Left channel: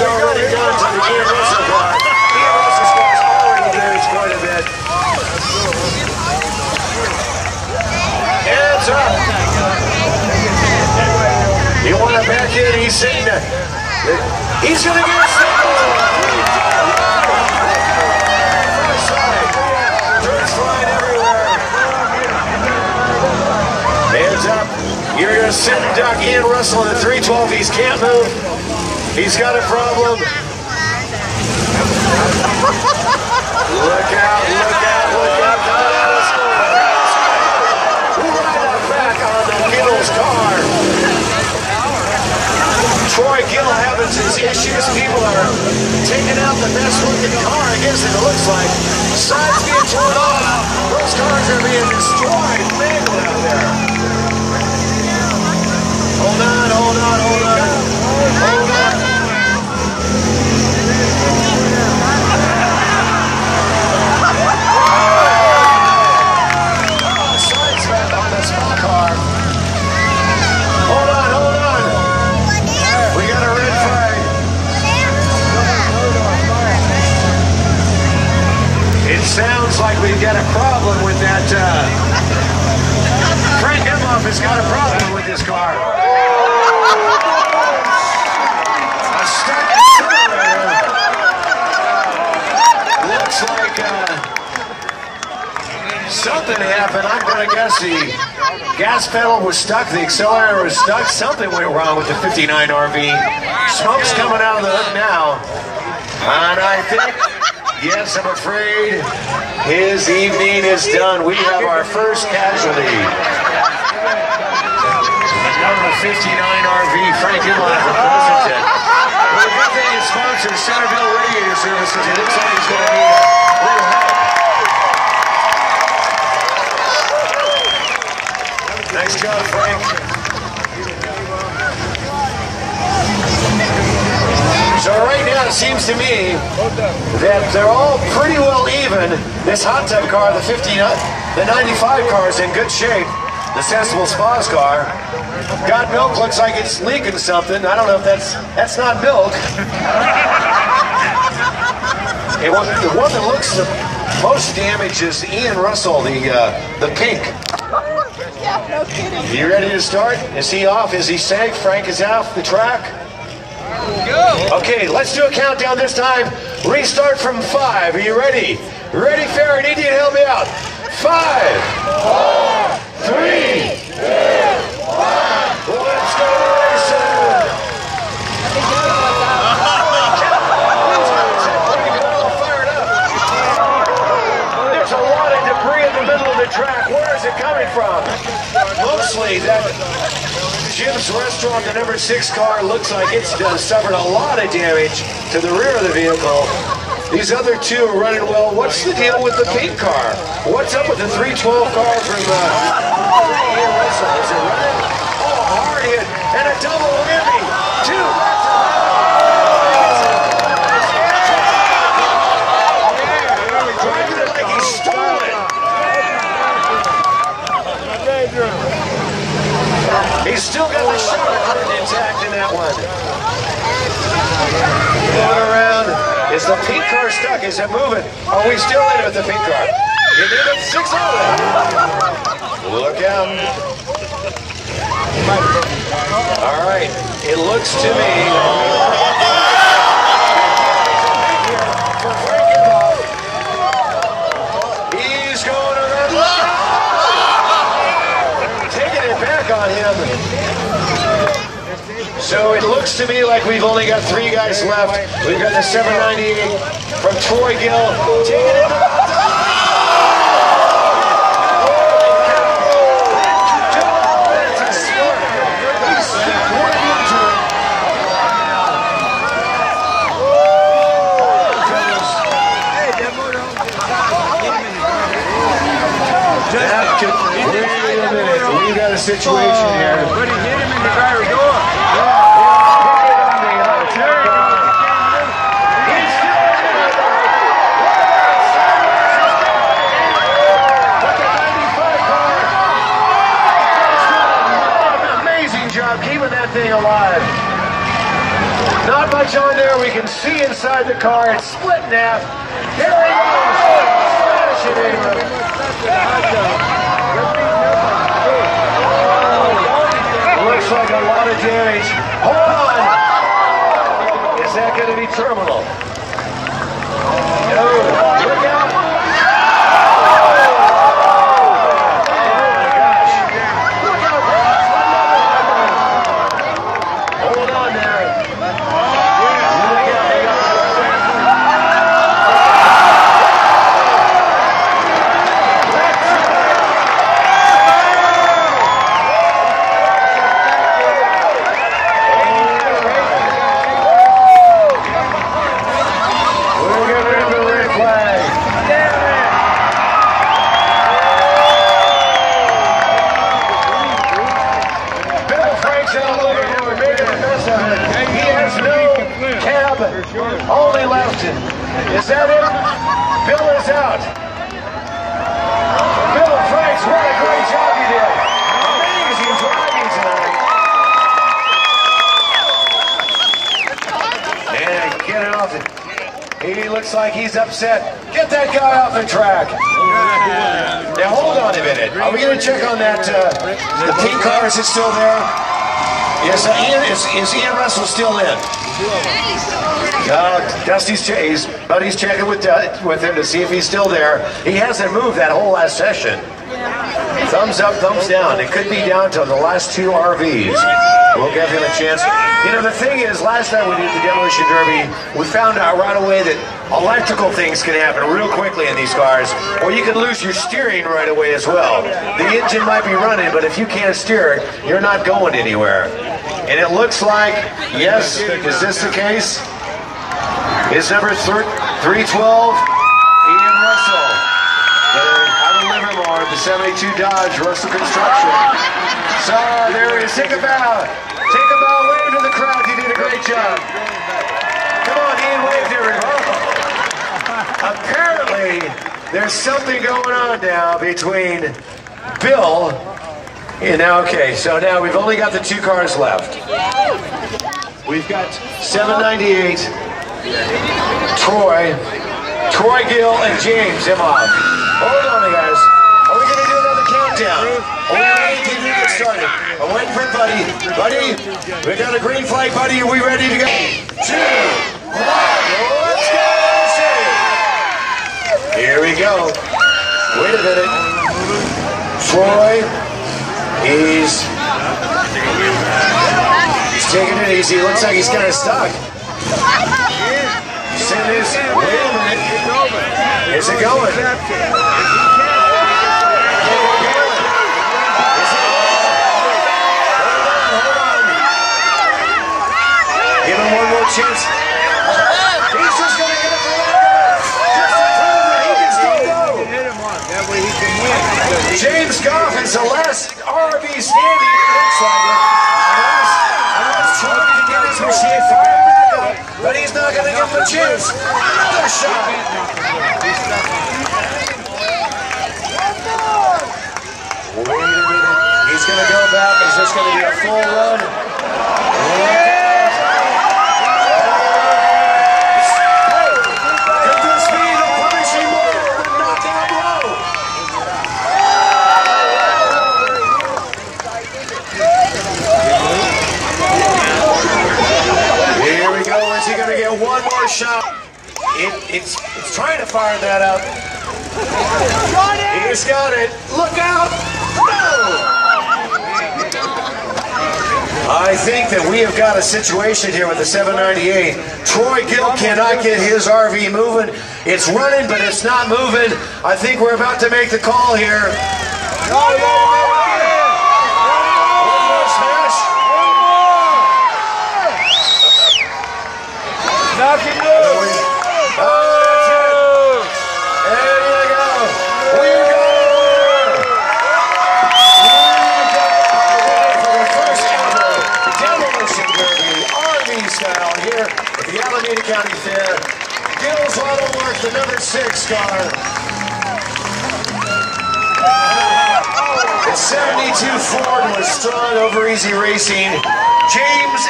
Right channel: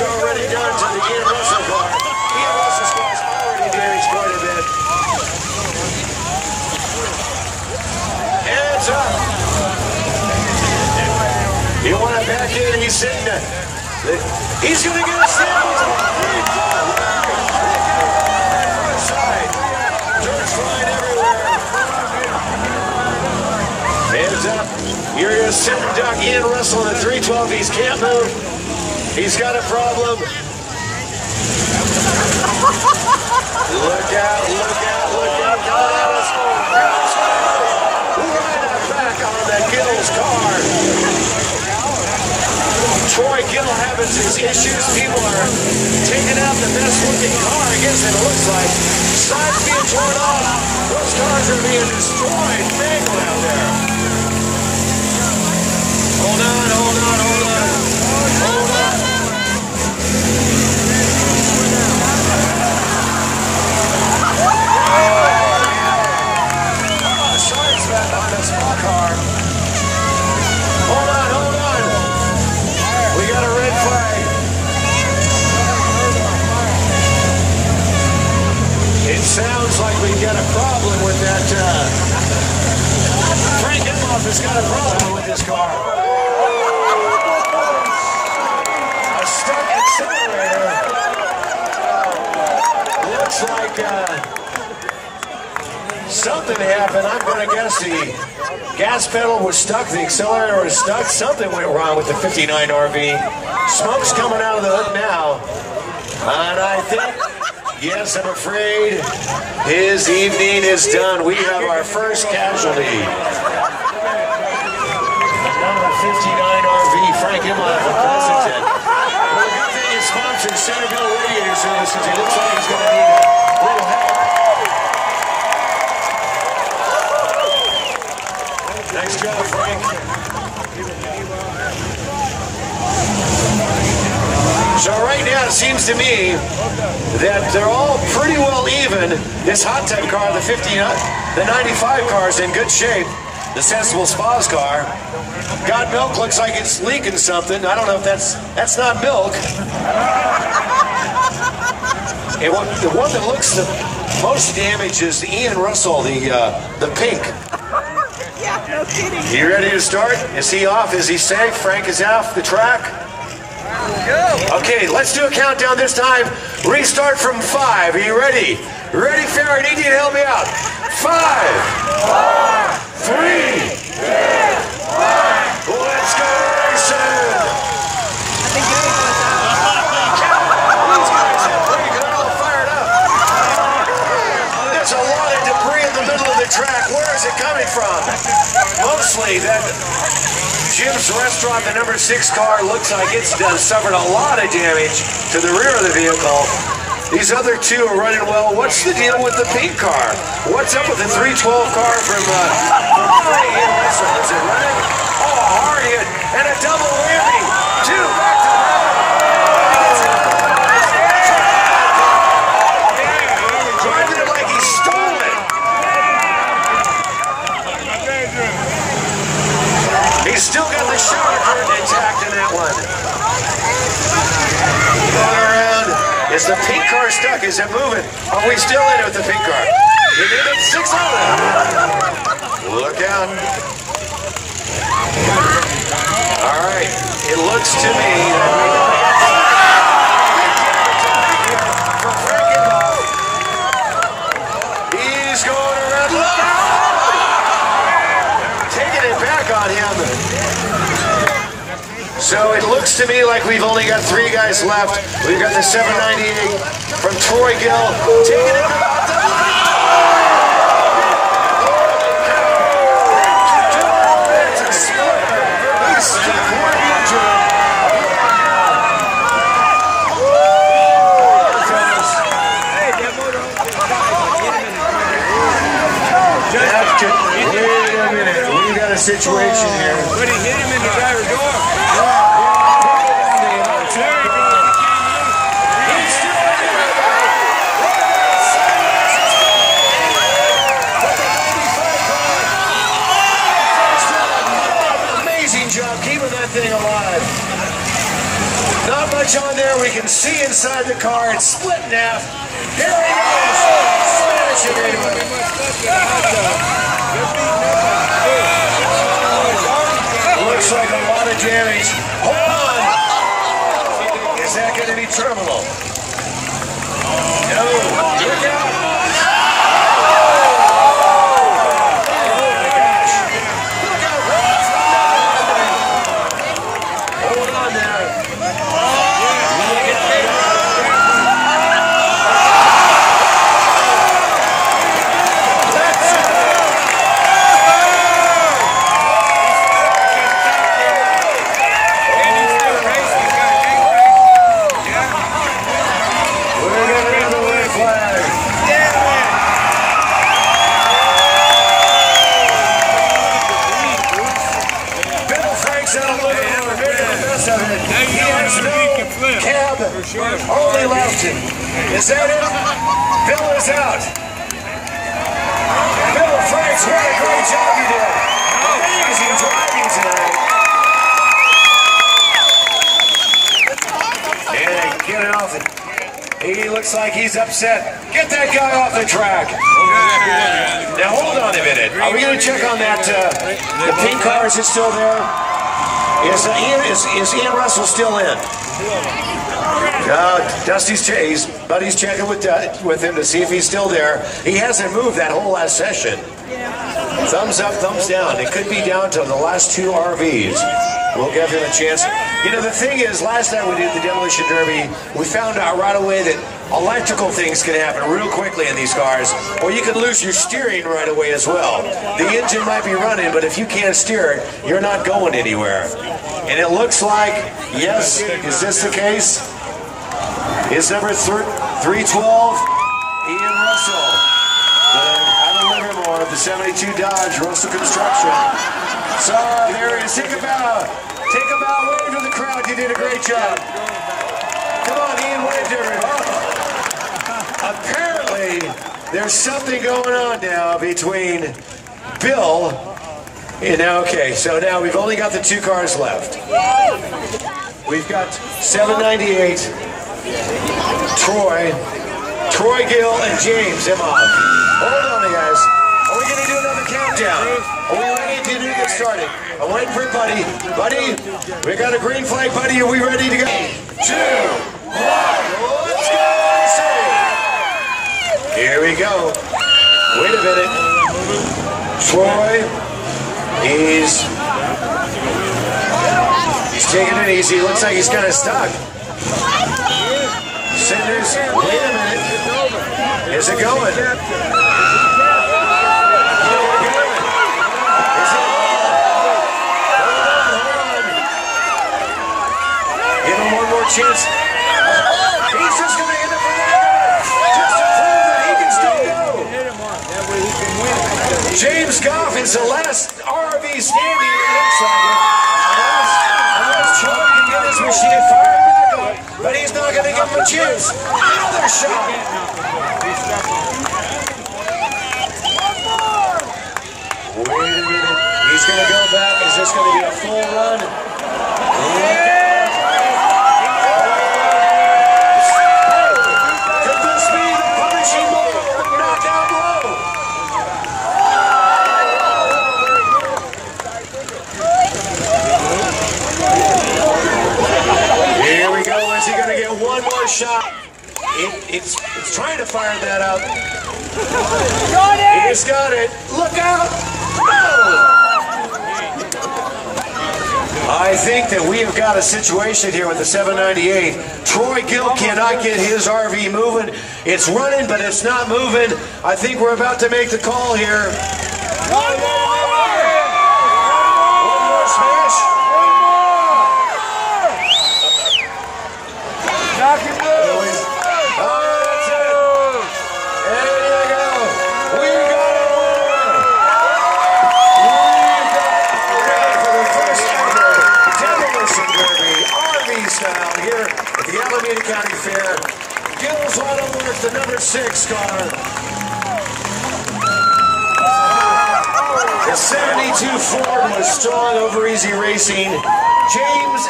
damage already done to the Ian Russell car. Ian Russell's car is already damaged quite a bit. Hands up. You want to back in? He's saying that he's going to get a single. First side. Dirt's flying everywhere. Hands up. You're going to sit and duck Ian Russell in the 312. He can't move. He's got a problem. Look out, look out, look out. Right back on the Gittles car. Troy Gill having his issues. People are taking out the best looking car, I guess it looks like. Sides being torn off. Those cars are being destroyed. Mangled out there. Hold on, hold on, hold on. Hold on. Sides back on the small car. Hold on, hold on. We got a red flag. It sounds like we've got a problem with that. Frank Emhoff has got a problem with this car. A stuck accelerator. Looks like something happened. I'm going to guess the gas pedal was stuck, the accelerator was stuck. Something went wrong with the 59 RV. Smoke's coming out of the hood now. And I think, yes, I'm afraid his evening is done. We have our first casualty. Number 59 RV, Frank Emhoff from Pleasanton. Well, the good thing is sponsored Centerville Radiator Services. It looks like he's going to need a little help. Nice job, Frank. So right now it seems to me that they're all pretty well even. This hot tub car, the 95 car is in good shape. The Sensible Spas car. Got milk, looks like it's leaking something. I don't know if that's not milk. The one that looks the most damaged is Ian Russell, the pink. You ready to start? Is he off? Is he safe? Frank is off the track? Go. Okay, let's do a countdown this time. Restart from 5. Are you ready? Ready, fair? I need you to help me out. 5, 4, 3, 2, 1. Let's go racing. These guys are pretty good, all fired up. There's a lot of debris in the middle of the track. Where is it coming from? Mostly that Jim's Restaurant, the number 6 car, looks like it's suffered a lot of damage to the rear of the vehicle. These other two are running well. What's the deal with the pink car? What's up with the 312 car from Ian Russell? Is it running? Oh, hard hit and a double whammy. 2 back to driving it like he stole it. He's still got the shower curtain intact in that one. Going around. Is the pink car stuck? Is it moving? Are we still in it with the pink car? You did it. 6 on it. Look out. All right. It looks to me that we got for Frank Emhoff. He's going around. Taking it back on him. So it looks to me like we've only got 3 guys left. We've got the 798 from Troy Gill. Taking it about the... It's a slipper. He's severely injured. Wait a minute. We got a situation here. But he hit him in the driver's door. Amazing job keeping that thing alive. Not much on there. We can see inside the car. It's split in half. Here he goes. Smashing into it. Looks like a lot of damage. Hold on. Is that going to be terminal? No. Look out. Only left him. Is that it? Bill is out. Bill Franks, what a great job you did. Amazing driving tonight. And get it off it. He looks like he's upset. Get that guy off the track. Now hold on a minute. Are we going to check on that? The pink car, is it still there? Yes, is Ian Russell still in? Dusty's buddy's checking with him to see if he's still there. He hasn't moved that whole last session. Thumbs up, thumbs down. It could be down to the last two RVs. We'll give him a chance. You know, the thing is, last time we did the Demolition Derby, we found out right away that electrical things can happen real quickly in these cars, or you can lose your steering right away as well. The engine might be running, but if you can't steer it, you're not going anywhere. And it looks like, yes, is this the case? Is number 312, Ian Russell, out of Livermore, the 72 Dodge, Russell Construction. So there he is. Take a bow. Take a bow. Wave to the crowd. You did a great job. Come on, Ian, wave to everybody. Apparently, there's something going on now between Bill and now, okay, so now we've only got the two cars left. We've got 798, Troy Gill, and James Imhoff. Hold on, guys. Are we going to do another countdown? Are we ready to get started? I'm waiting for Buddy. Buddy, we got a green flag, Buddy. Are we ready to go? 2, 1, let's go! Here we go. Wait a minute. Troy. He's taking it easy. Looks like he's kind of stuck. Wait a minute. Is it going? Give him one more chance. He's just going to hit it for the just to prove that he can still go. That way he can win. James Goff is the last RV standing, it looks like it. Unless Troy can get his machine fired back up, but he's not going to give him a chance. Another shot. Wait a minute. He's going to go back. Is this going to be a full run? Could this be the punishing moment of the knockout blow? Here we go. Is he going to get one more shot? It's trying to fire that out. He's got it. Look out. I think that we have got a situation here with the 798. Troy Gill cannot get his RV moving. It's running, but it's not moving. I think we're about to make the call here. One more smash. Knock it loose. That's it. There you go. We got a winner. For the first ever Demolition Derby RV style here at the Alameda County Fair. Gill's Auto Works, the number 6 car. The 72 Ford was strong over easy racing. James